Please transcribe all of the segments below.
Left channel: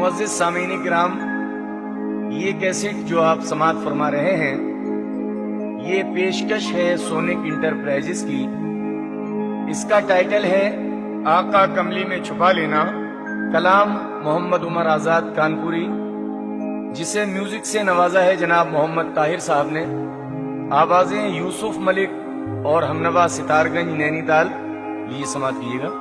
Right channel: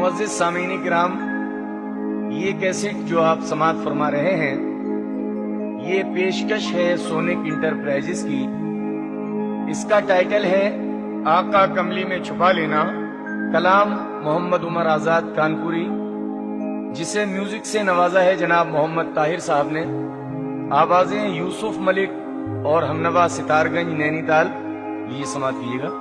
मुअज़्ज़िज़ सामीन किराम, ये कैसेट जो आप समाअत फरमा रहे हैं ये पेशकश है सोनिक इंटरप्राइजेस की। इसका टाइटल है आका कमली में छुपा लेना। कलाम मोहम्मद उमर आजाद कानपुरी, जिसे म्यूजिक से नवाजा है जनाब मोहम्मद ताहिर साहब ने। आवाजें यूसुफ मलिक और हमनवा सितारगंज नैनीताल। ये समाअत कीजिएगा।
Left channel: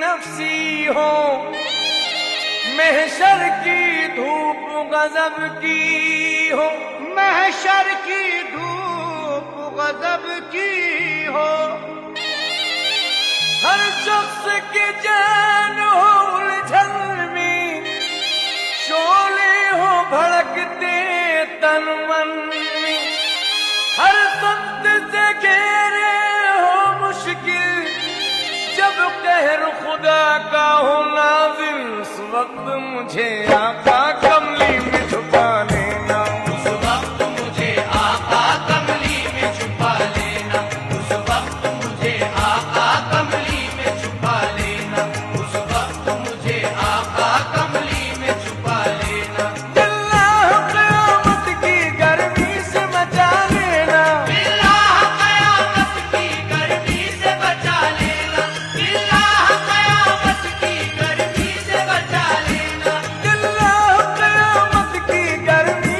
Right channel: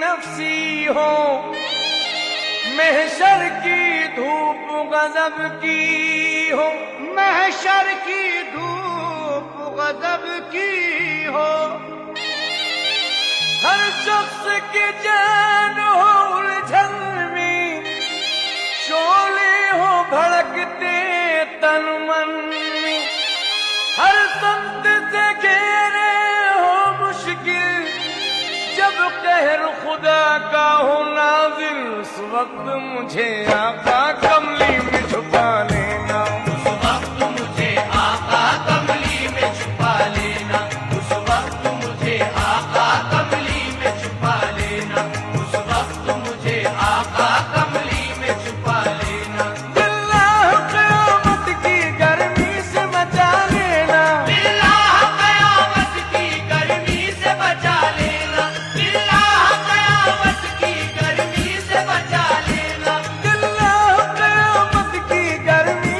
नफसी हो महशर की धूप गजब की हो, महशर की धूप गजब की हो। हर शख्स की जान हो उलझन में, शोले हो भड़कते तन मन में। हर संत से घेरे हो मुश्किल, जब कहर खुदा का हो नाज़िल। उस वक्त मुझे आका कमली में छुपा लेना, उस वक्त मुझे आका कमली में छुपा लेना, उस वक्त मुझे आका कमली में छुपा लेना, उस वक्त मुझे आका कमली में छुपा लेना। अल्लाह क़यामत की गर्मी से बचा लेना, अल्लाह क़यामत की गर्मी से बचा लेना, अल्लाह क़यामत की गर्मी से बचा लेना, अल्लाह क़यामत की गर्मी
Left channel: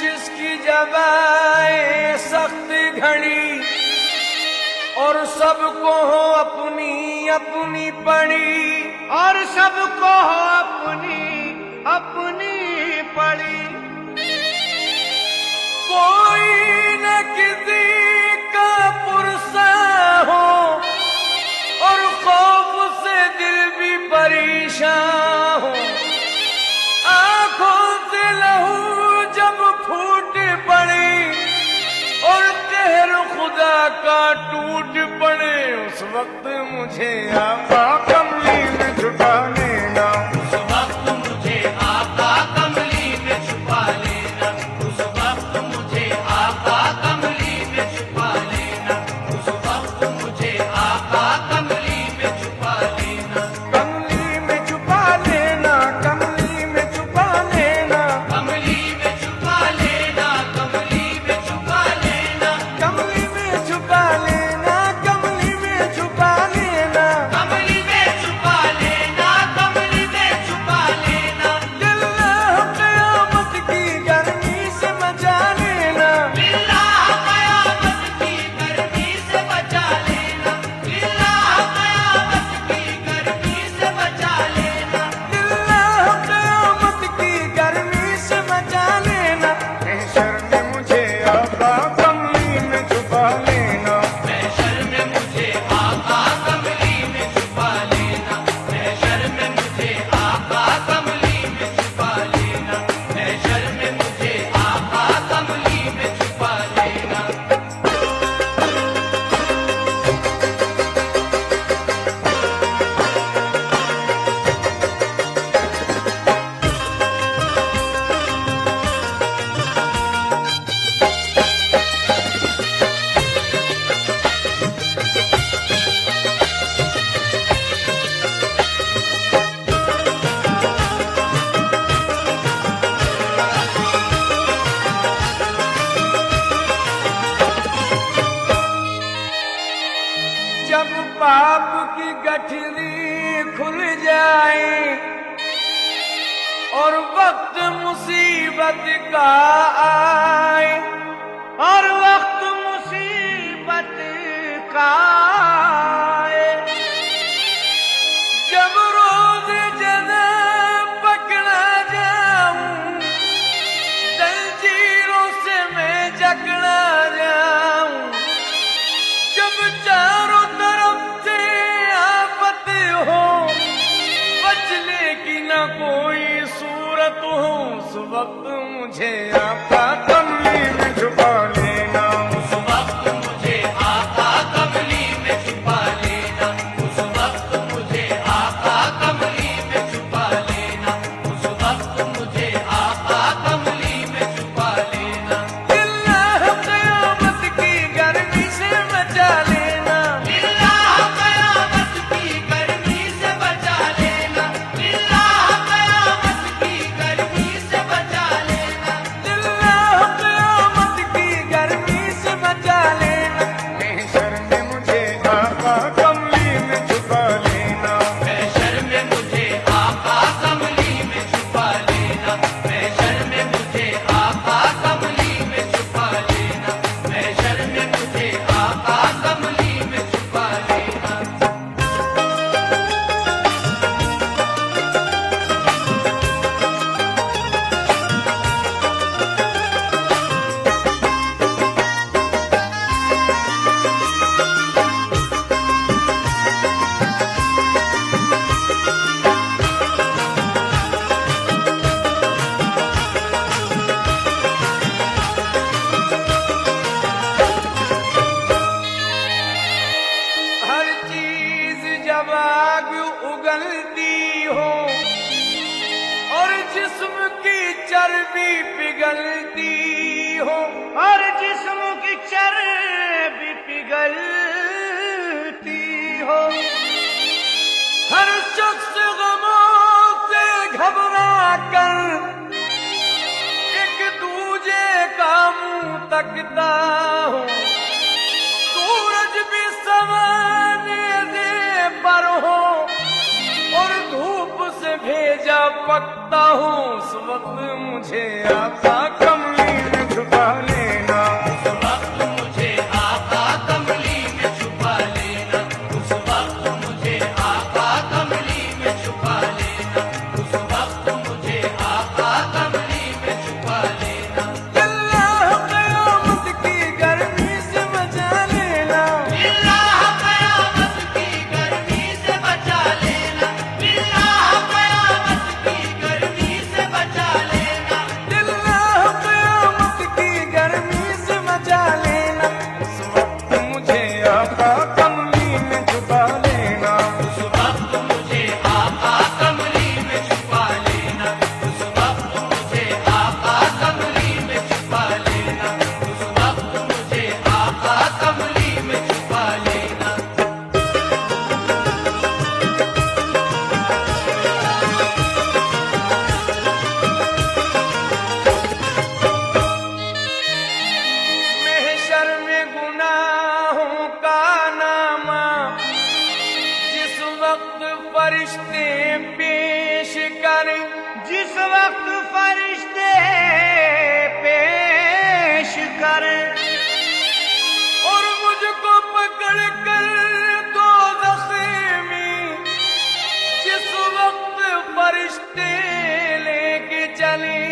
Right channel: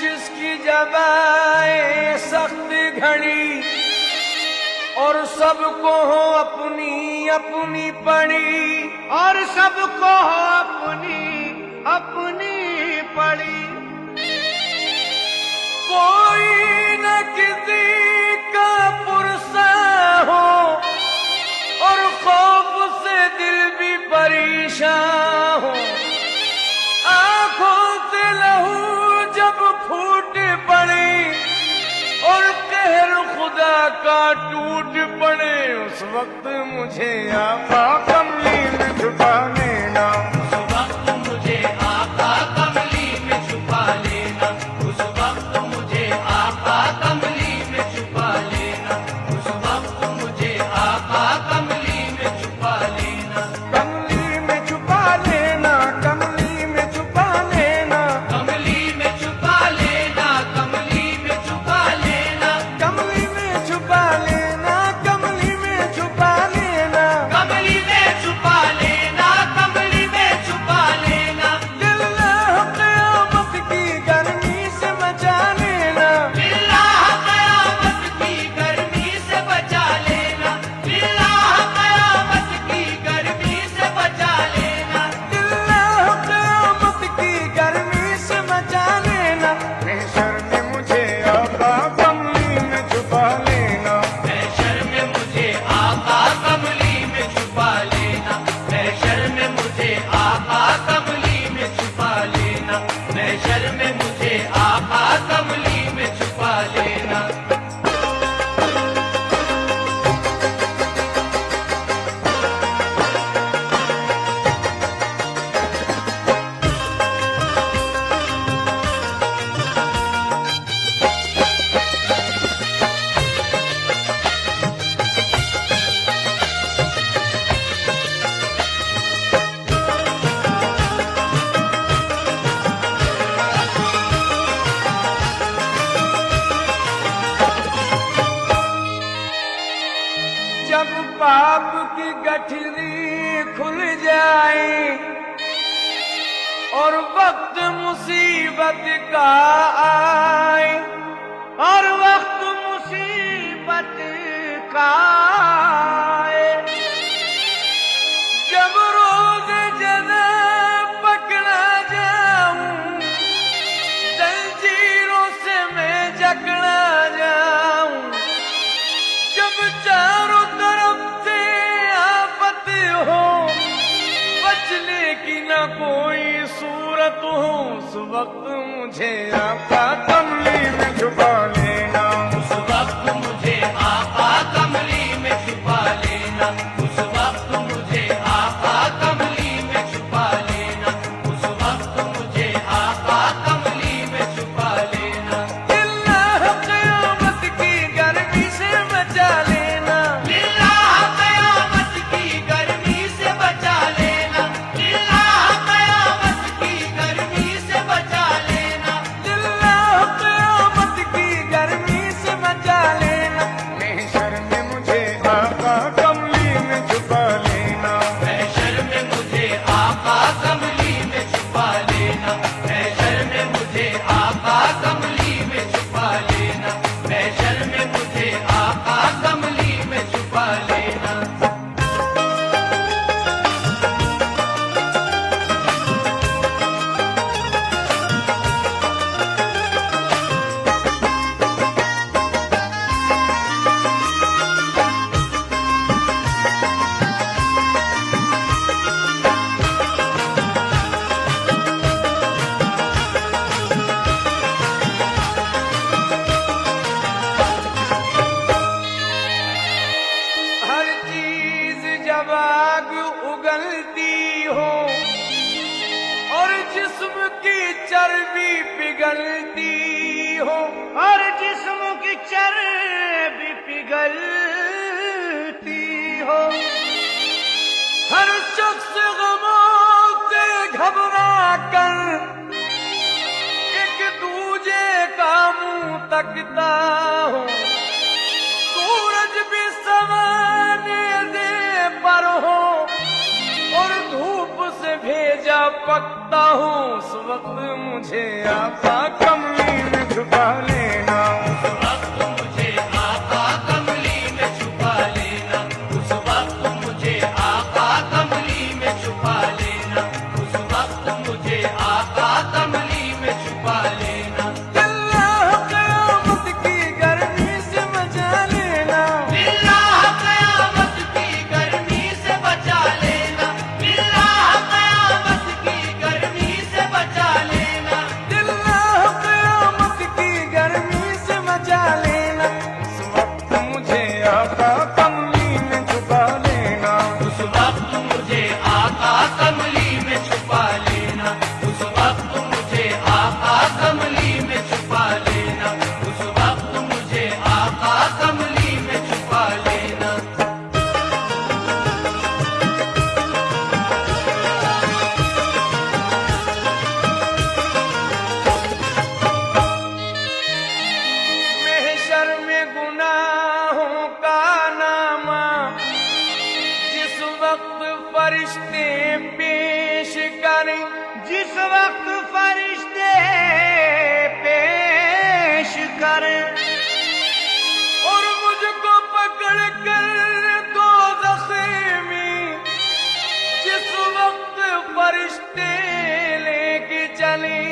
कोशिश की जब आए सख्त घड़ी और सबको हो अपनी अपनी पड़ी, और सबको हो अपनी अपनी पड़ी। कोई न किसी का पुरसा हो और खौफ से दिल भी परेशान हो। आंखों से लहू जब फूट पड़े और कहर खुदा का टूट पड़े, उस वक्त मुझे आका कमली में छुपा लेना। उस वक्त मुझे आका कमली में छुपा लेना। उस वक्त मुझे आका कमली में छुपा लेना। उस वक्त मुझे आका कमली में छुपा लेना। कमली में छुपा लेना, कमली में छुपा लेना, कमली में छुपा लेना। कमली में छुपा लेना। कमली में छुपा लेना, कमली में छुपा लेना। कमली में छुपा लेना। कमली में छुपा लेना। दिल क़यामत की गर्मी से बचा लेना। बिल्लाह क़यामत की गर्मी से बचा लेना। बिल्लाह क़यामत की गर्मी से बचा लेना। दिल क़यामत की गर्मी से बचा लेना। महशर में मुझे आका कमली में छुपा लेना। महशर में मुझे आका कमली में छुपा लेना। महशर में मुझे आका कमली में छुपा लेना। महशर में मुझे आका कमली में छुपा लेना। जब पाप की गठरी खुल जाए और वक्त मुसीबत का आए, और वक्त मुसीबत का आए, जब रोज जना पकड़ा जाऊं, जंजीरों से मैं जकड़ा जाऊं, जब चारों तरफ से आफत हो, बचने की न कोई सूरत हो, उस वक्त मुझे आका कमली में छुपा लेना। उस वक्त मुझे आका कमली में छुपा लेना। उस वक्त मुझे आका कमली में छुपा लेना। उस वक्त मुझे आका कमली में छुपा लेना। बिल्लाह क़यामत की गर्मी से बचा लेना। बिल्लाह क़यामत की गर्मी से बचा लेना। बिल्लाह क़यामत की गर्मी से बचा लेना। बिल्लाह क़यामत की गर्मी से बचा लेना। महशर में मुझे आका कमली में छुपा लेना। महशर में मुझे आका कमली में छुपा लेना। महशर में मुझे आका कमली में छुपा लेना। महशर में मुझे आका कमली में छुपा लेना। हर चीज जब आग उगलती हो और जिस्म की चर्बी पिघलती हो, हर जिस्म की चर्बी पिघलती हो, हर शख्स गमों से घबरा कर एक दूजे का मुंह तकता हो, सूरज भी समाने दे पर हो और धूप से भेजा पकता हूँ, उस वक्त मुझे आका कमली फरिश्ते पेश करें, जिस वक्त फरिश्ते पेश करें और मुझको पकड़ कर दोज़ख में जिस वक्त फरिश्ते लेके चले,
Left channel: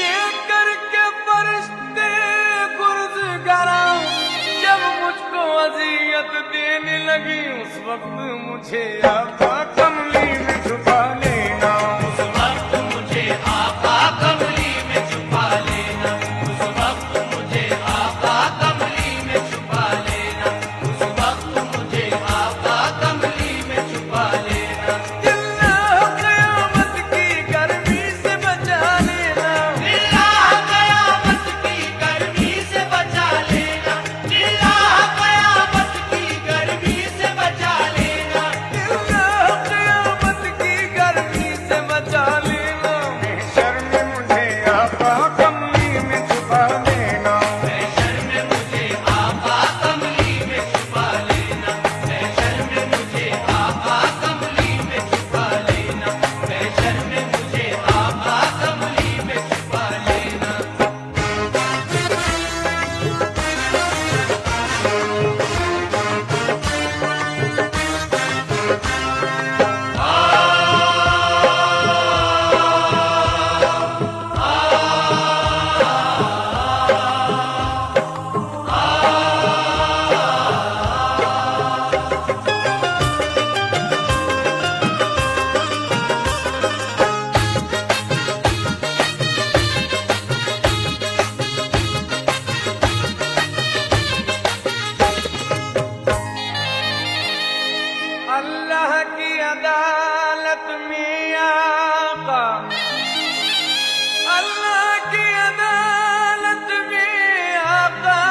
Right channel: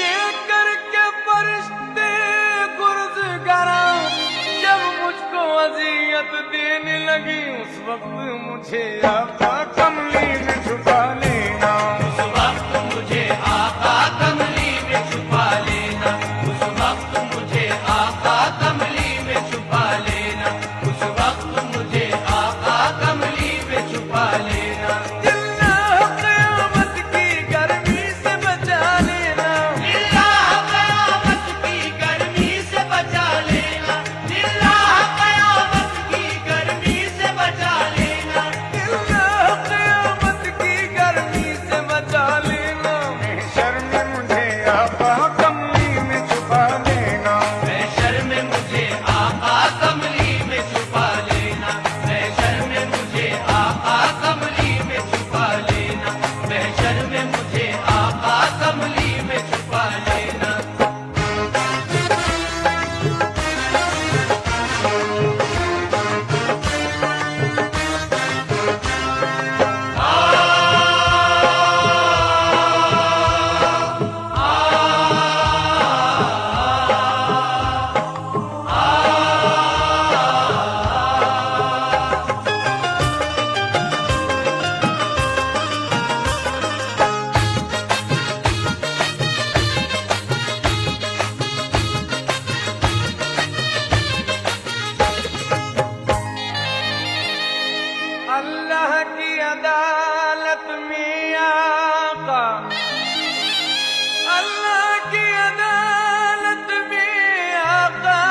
लेकर के फरिश्ते गुर्ज़गरा जब मुझको अज़ियत देने लगी, उस वक्त मुझे आका कमली में छुपा लेना। उस वक्त मुझे आका कमली में छुपा लेना, उस वक्त मुझे आका कमली में छुपा लेना, उस वक्त मुझे आका कमली में छुपा लेना। अल्लाह क़यामत की गर्मी से बचा लेना, अल्लाह क़यामत की गर्मी से बचा लेना, अल्लाह क़यामत की गर्मी से बचा लेना। अल्लाह क़यामत की गर्मी से बचा लेना। महशर में मुझे आका कमली में छुपा लेना। महशर में मुझे आका कमली में छुपा लेना, महशर में मुझे आका कमली में छुपा लेना, महशर में मुझे आका कमली में छुपा लेना। अल्लाह की अदालत में आका, अल्लाह की अदालत में आका,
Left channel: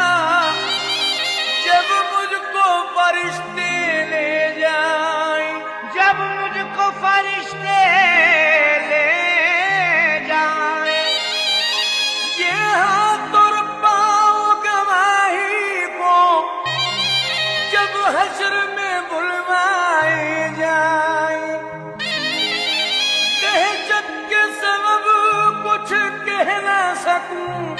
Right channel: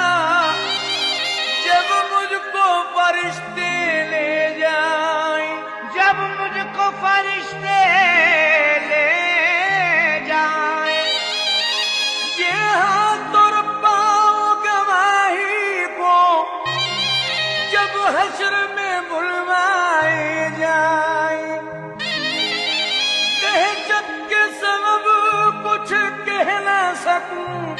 जब मुझको फरिश्ते ले जाएं, जब मुझको फरिश्ते ले जाएं, ये हाथ और पाँव गवाही को जब हश्र में बुलवाए जाए, दहशत के सबब कुछ कह ना सकूं,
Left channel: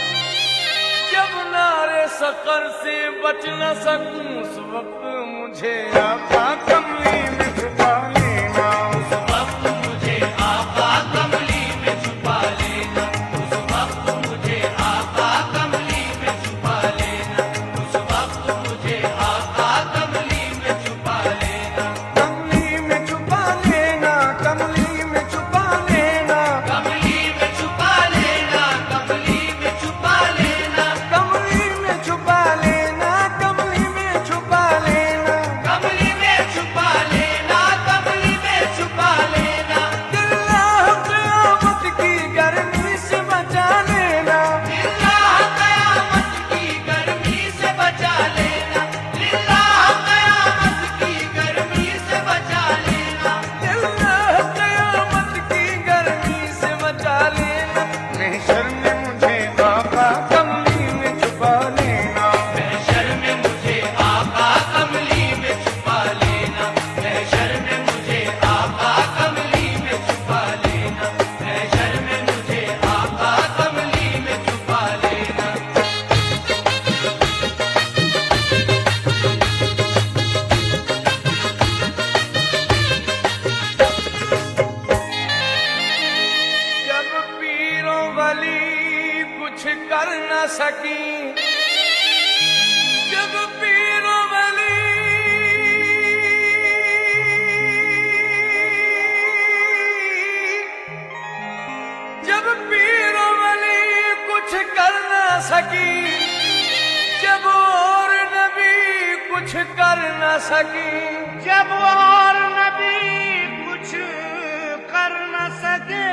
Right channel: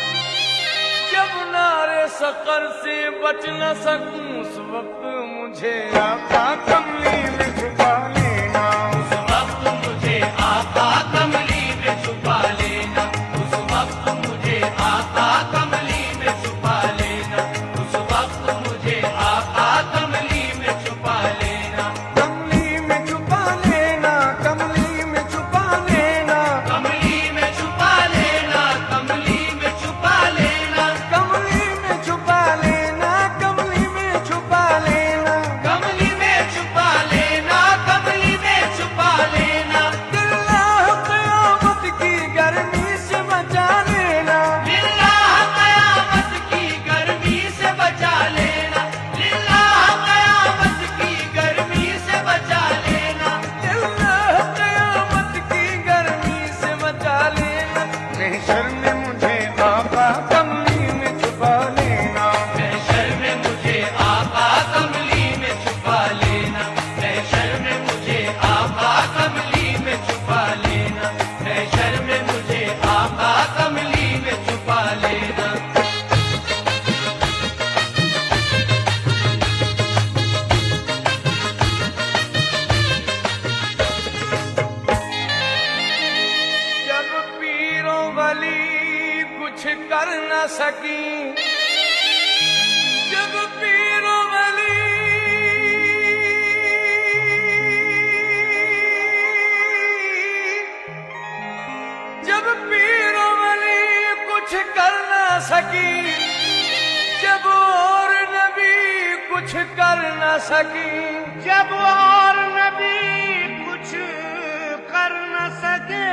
जब नारे सकर से बच न सकूं, उस वक्त मुझे आका कमली में छुपा लेना। उस वक्त मुझे आका कमली में छुपा लेना, उस वक्त मुझे आका कमली में छुपा लेना, उस वक्त मुझे आका कमली में छुपा लेना। कमली में छुपा लेना, कमली में छुपा लेना, कमली में छुपा लेना, कमली में छुपा लेना, कमली में छुपा लेना, कमली में छुपा लेना। कमली में छुपा लेना, कमली में छुपा लेना। अल्लाह क़यामत की गर्मी से बचा लेना, अल्लाह क़यामत की गर्मी से बचा लेना, अल्लाह क़यामत की गर्मी से बचा लेना। अल्लाह क़यामत की गर्मी से बचा लेना। महशर में मुझे आका कमली में छुपा लेना। महशर में मुझे आका कमली में छुपा लेना, महशर में मुझे आका कमली में छुपा लेना, महशर में मुझे आका कमली में छुपा लेना। जब पीरों वली कुछ कर न सकी, जब पीरों वली जब पीरों वली कुछ कर न सकी, जब और नबी कुछ कर न सकी, जब और नबी कुछ कर न सके,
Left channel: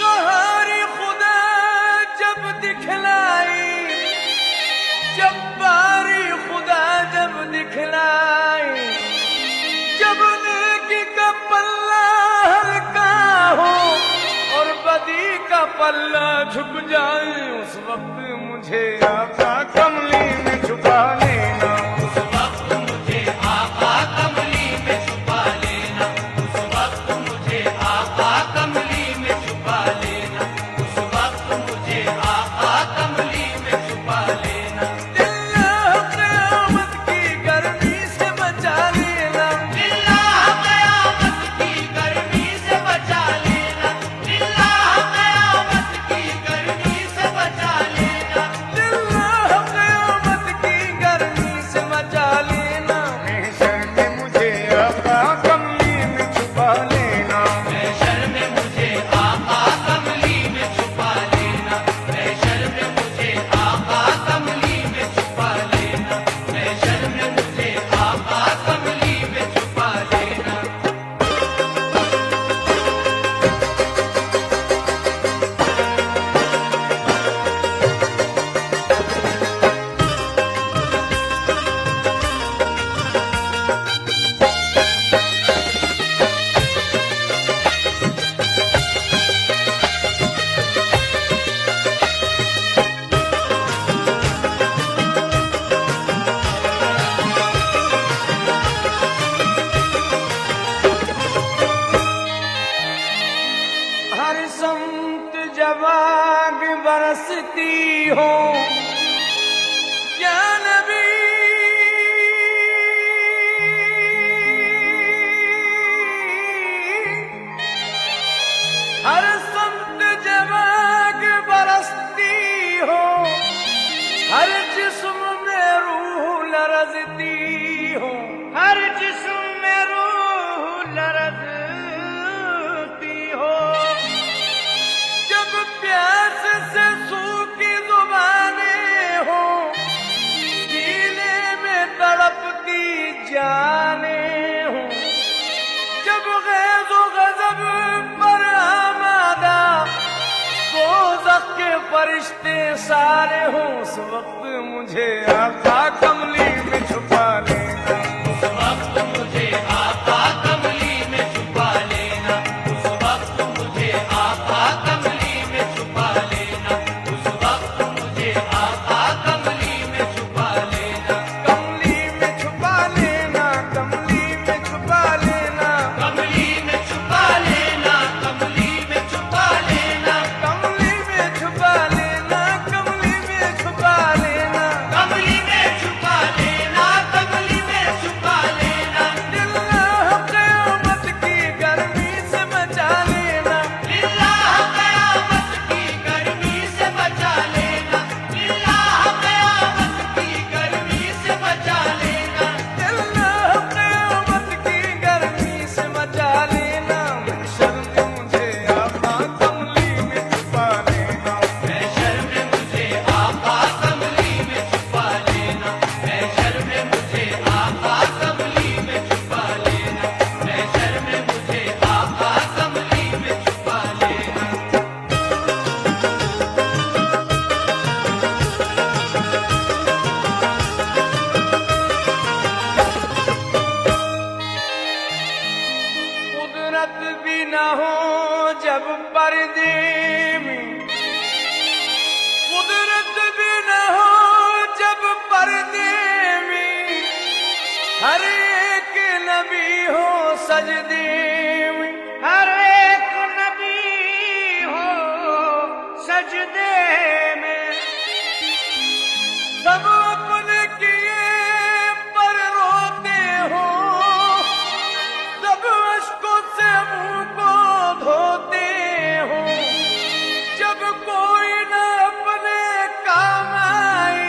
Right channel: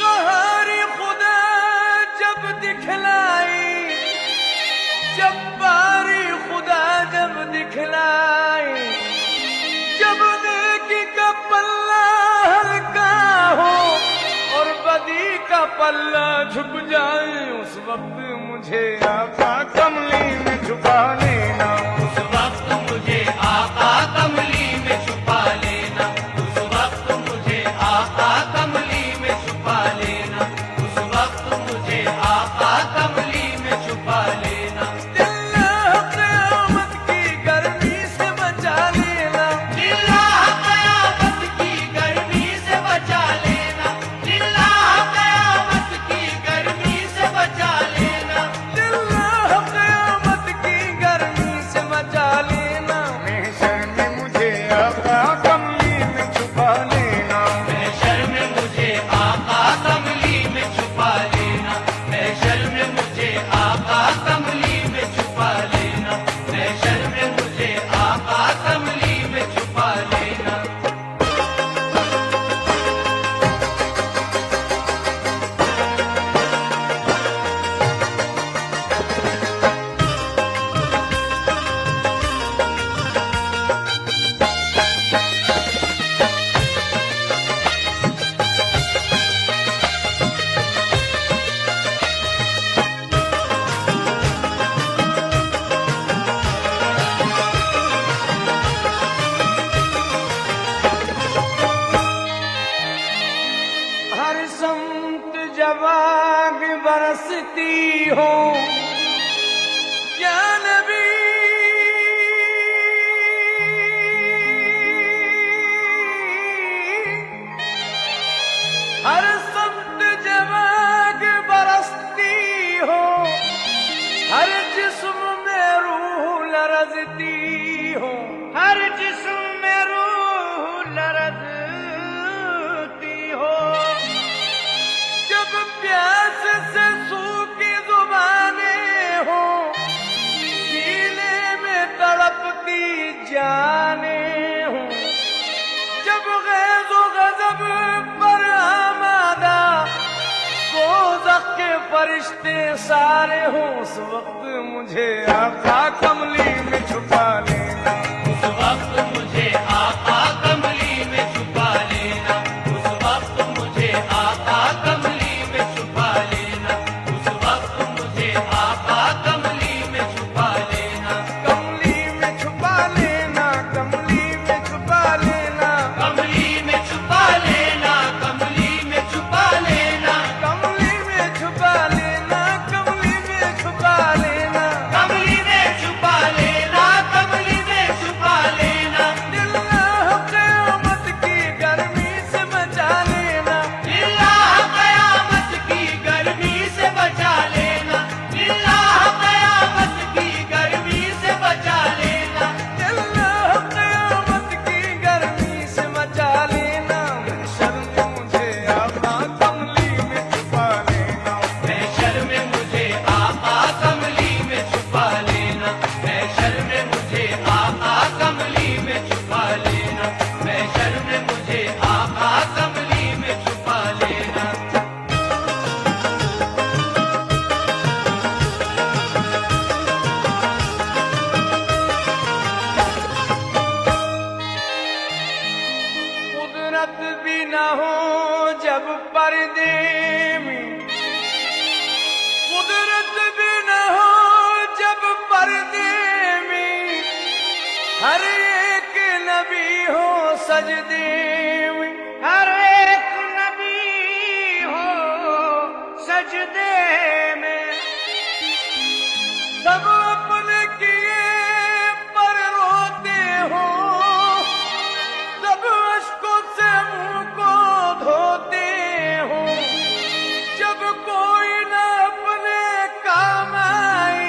तो हरी खुदा जब दिखलाई, जब बारी खुदा जब दिखलाई, जब नेकी का पल्ला हल्का हो और बदी का पल्ला झुक जाए, उस वक्त मुझे आका कमली में छुपा लेना। उस वक्त मुझे आका सुमत जब आग बरसती हो, या नबी हर सुमत जब आग बरसती हो, हर जिस्म में रूह लरजती हो, हर जिस्म में रूह लरजती हो। जब प्यास से सूखी जुबानें हो, सीने में तड़पती जानें हो, जब गैज़ो गज़ब पर आमादा दोज़ख के फरिश्ते सारे हों, उस वक्त मुझे आका कमली में छुपा लेना, उस वक्त मुझे आका कमली में छुपा लेना, उस वक्त मुझे आका कमली में छुपा लेना, उस वक्त मुझे आका कमली में छुपा लेना, कमली में छुपा लेना, कमली में छुपा लेना, कमली में छुपा लेना, कमली में छुपा लेना, कमली में छुपा लेना, कमली में छुपा लेना, कमली में छुपा लेना, कमली में छुपा लेना, अल्लाह क़यामत की गर्मी से बचा लेना, लिल्लाह क़यामत की गर्मी से बचा लेना, लिल्लाह क़यामत की गर्मी से बचा लेना, अल्लाह क़यामत की गर्मी से बचा लेना। महशर में मुझे आका कमली में छुपा लेना, महशर में मुझे आका कमली में छुपा लेना, महशर में मुझे आका कमली में छुपा लेना, महशर में मुझे आका कमली में छुपा लेना। कुदरत भी न हो जब पर्दे में, कुदरत भी न हो जब पर्दे में, हर एक नबी हो सजदे में, हर एक नबी हो सजदे में, सब अपने किए पर रोते हो, सब अश्कों से मुंह को धोते हो, जब कोई न अपने काम आई,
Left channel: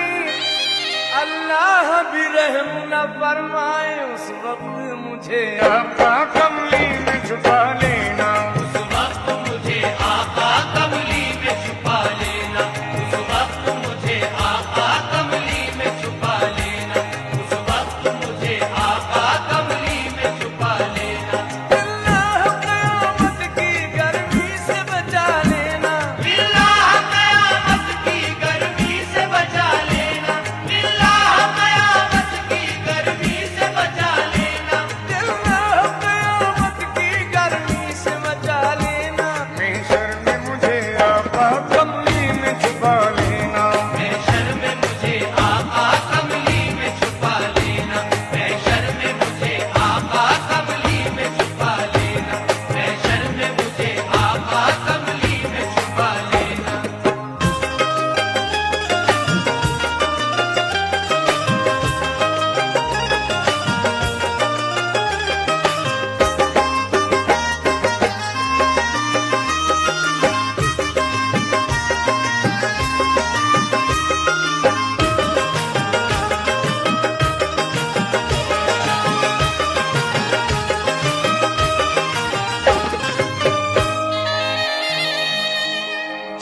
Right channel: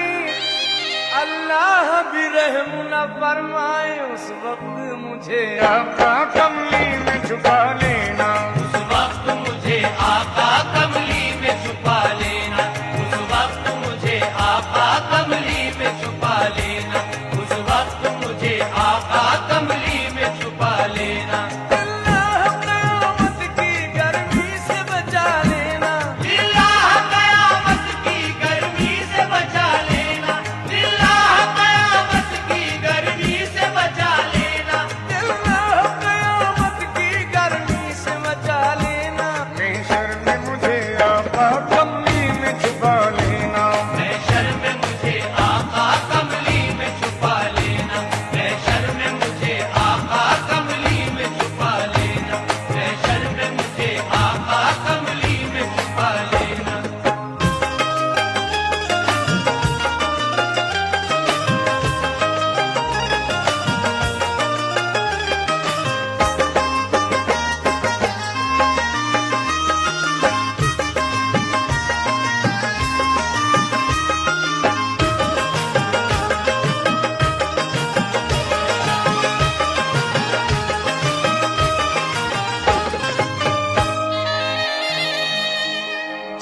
अल्लाह भी रहम न फरमाए, उस वक्त मुझे आका कमली में छुपा लेना, उस वक्त मुझे आका कमली में छुपा लेना, उस वक्त मुझे आका कमली में छुपा लेना, उस वक्त मुझे आका कमली में छुपा लेना, अल्लाह क़यामत की गर्मी से बचा लेना, लिल्लाह क़यामत की गर्मी से बचा लेना, लिल्लाह क़यामत की गर्मी से बचा लेना, अल्लाह क़यामत की गर्मी से बचा लेना। महशर में मुझे आका कमली में छुपा लेना, महशर में मुझे आका कमली में छुपा लेना, महशर में मुझे आका कमली में छुपा लेना, महशर में मुझे आका कमली में छुपा लेना।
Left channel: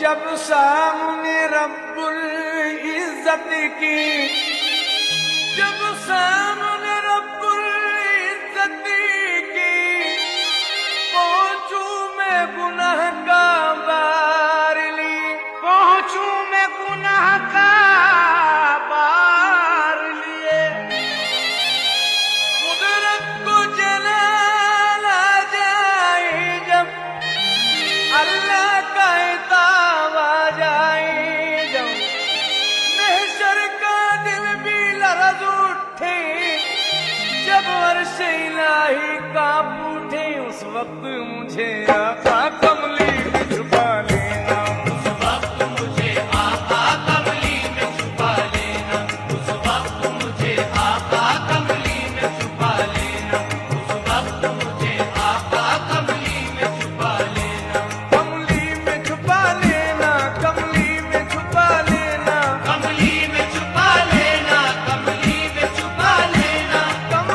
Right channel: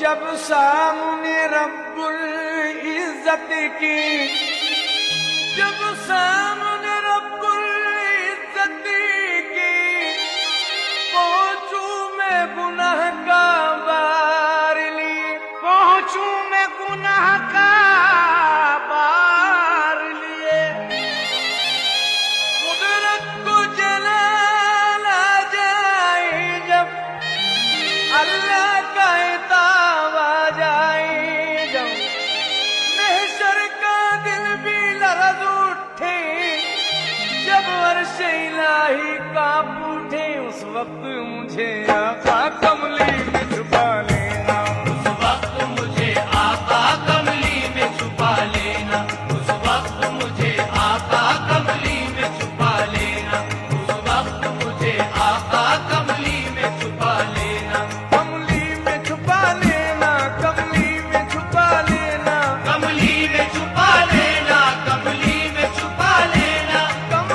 जब सामने रब्बुल इज्जत की, जब सामने रब्बुल इज्जत की पहुंचू मैं गुनाह का बार लिए, पहुंचू मैं गुनाह का बार लिए, कुदरत को जलाल आ जाए जब, अल्लाह का इताब आ जाए जब, महशर का दिल भी लरज़ उठे जब अर्श अर्श इलाही कांप उठे उस वक्त मुझे आका कमली में छुपा लेना। उस वक्त मुझे आका कमली में छुपा लेना। उस वक्त मुझे आका कमली में छुपा लेना। उस वक्त मुझे आका कमली में छुपा लेना। कमली में छुपा लेना, कमली में छुपा लेना, कमली में छुपा लेना। कमली में छुपा लेना। कमली में छुपा लेना, कमली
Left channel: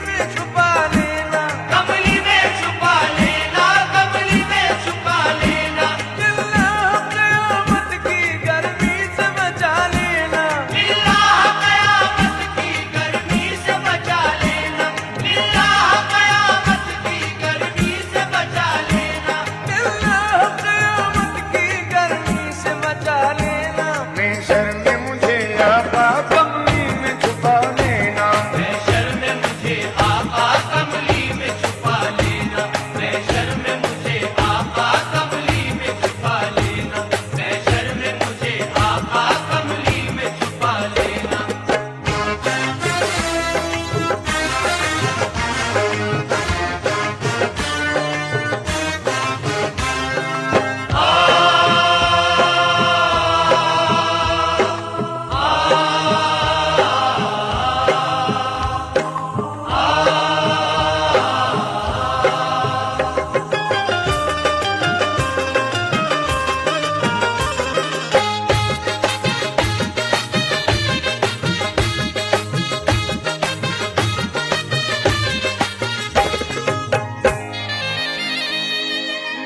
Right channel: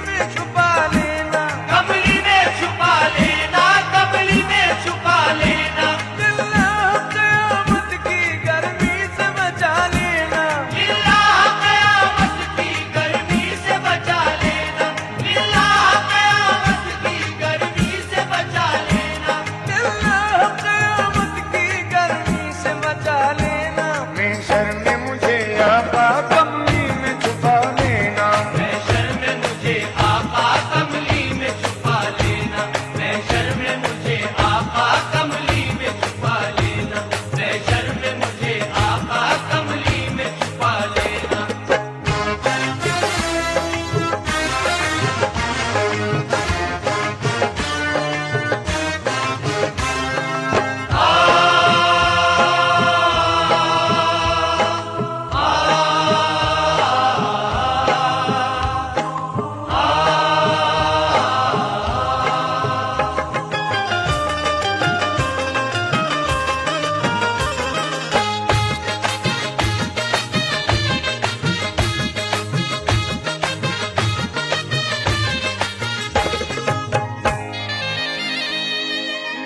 में छुपा लेना, कमली में छुपा लेना। कमली में छुपा लेना। अल्लाह क़यामत की गर्मी से बचा लेना। अल्लाह क़यामत की गर्मी से बचा लेना। अल्लाह क़यामत की गर्मी से बचा लेना। अल्लाह क़यामत की गर्मी से बचा लेना। महशर में मुझे आका कमली में छुपा लेना। महशर में मुझे आका कमली में छुपा लेना। महशर में मुझे आका कमली में छुपा लेना। महशर में मुझे आका कमली में छुपा लेना।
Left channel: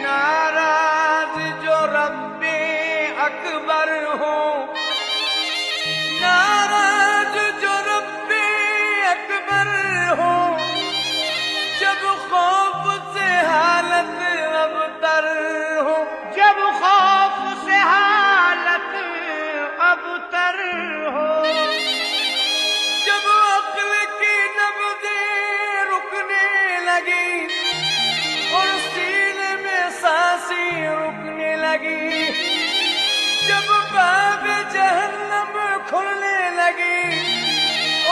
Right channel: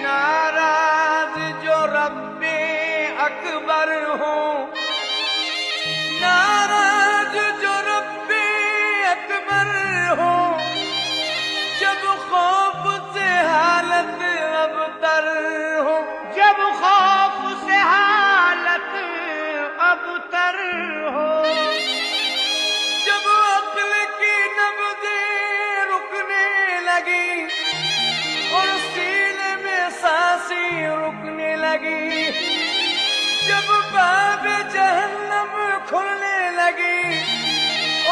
नाराज जो रब्बे अकबर हो, नाराज जो रब्बे अकबर हो, जब खौफ से हालत अबतर हो, जब खौफ से हालत अबतर हो, जब अक्ल की नब्ज़ें रुकने लगी और सीने में सांसें रुकने लगी, जब बाब जहन्नम खुलने लगी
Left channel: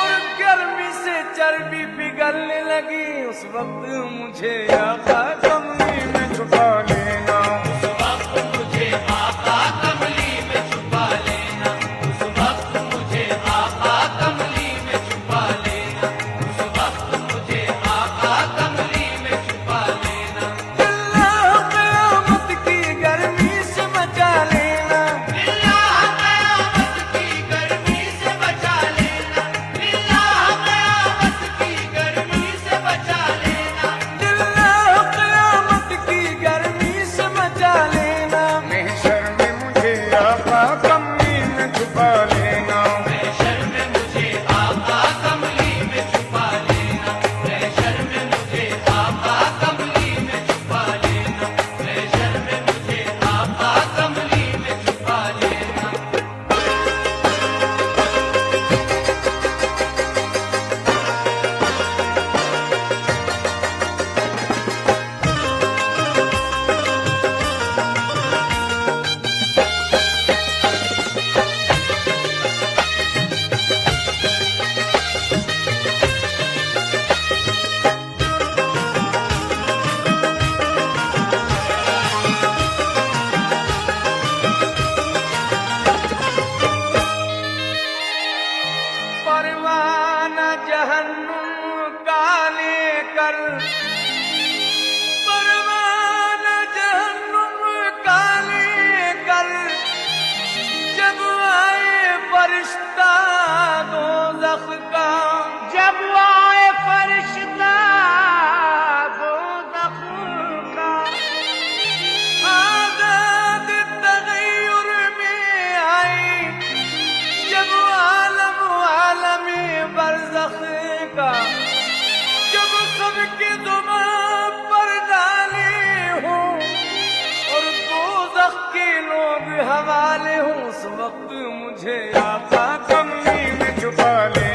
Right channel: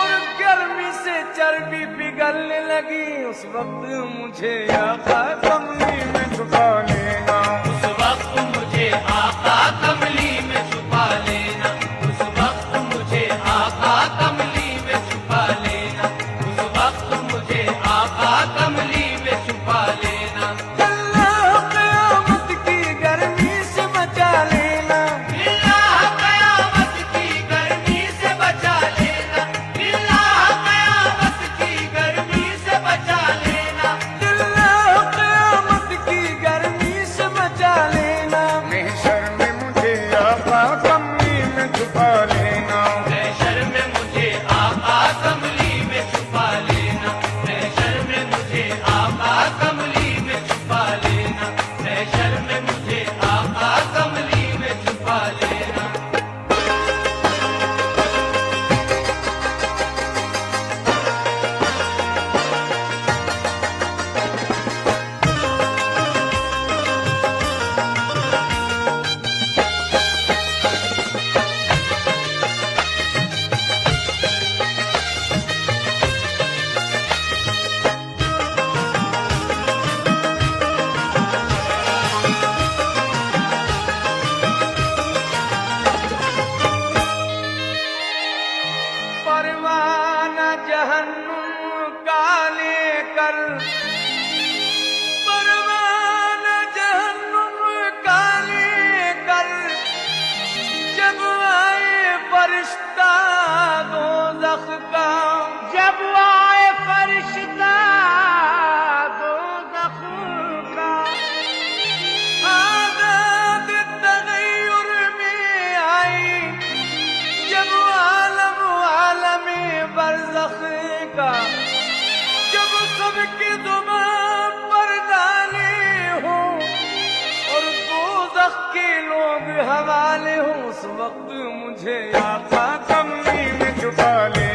और गर्मी से चर्बी पिघलने लगी, उस वक्त मुझे आका कमली में छुपा लेना। उस वक्त मुझे आका कमली में छुपा लेना। उस वक्त मुझे आका कमली में छुपा लेना। उस वक्त मुझे आका कमली में छुपा लेना। अल्लाह क़यामत की गर्मी से बचा लेना। अल्लाह क़यामत की गर्मी से बचा लेना। अल्लाह क़यामत की गर्मी से बचा लेना। अल्लाह क़यामत की गर्मी से बचा लेना। महशर में मुझे आका कमली में छुपा लेना। महशर में मुझे आका कमली में छुपा लेना। महशर में मुझे आका कमली में छुपा लेना। महशर में मुझे आका कमली में छुपा लेना। परवाना जहन्नुम का लेकर, परवाना जहन्नुम का लेकर, जब आए फरिश्ता दोज़ख का, जब आए फरिश्ता दोज़ख का, आज़ाद तग़य्युर में आई, जब आलम बरज़ख का, जब सबके ज़ुबान पर डाले हो और दोज़ख के लोग हवाले हो, उस वक्त मुझे आका कमली में छुपा ले।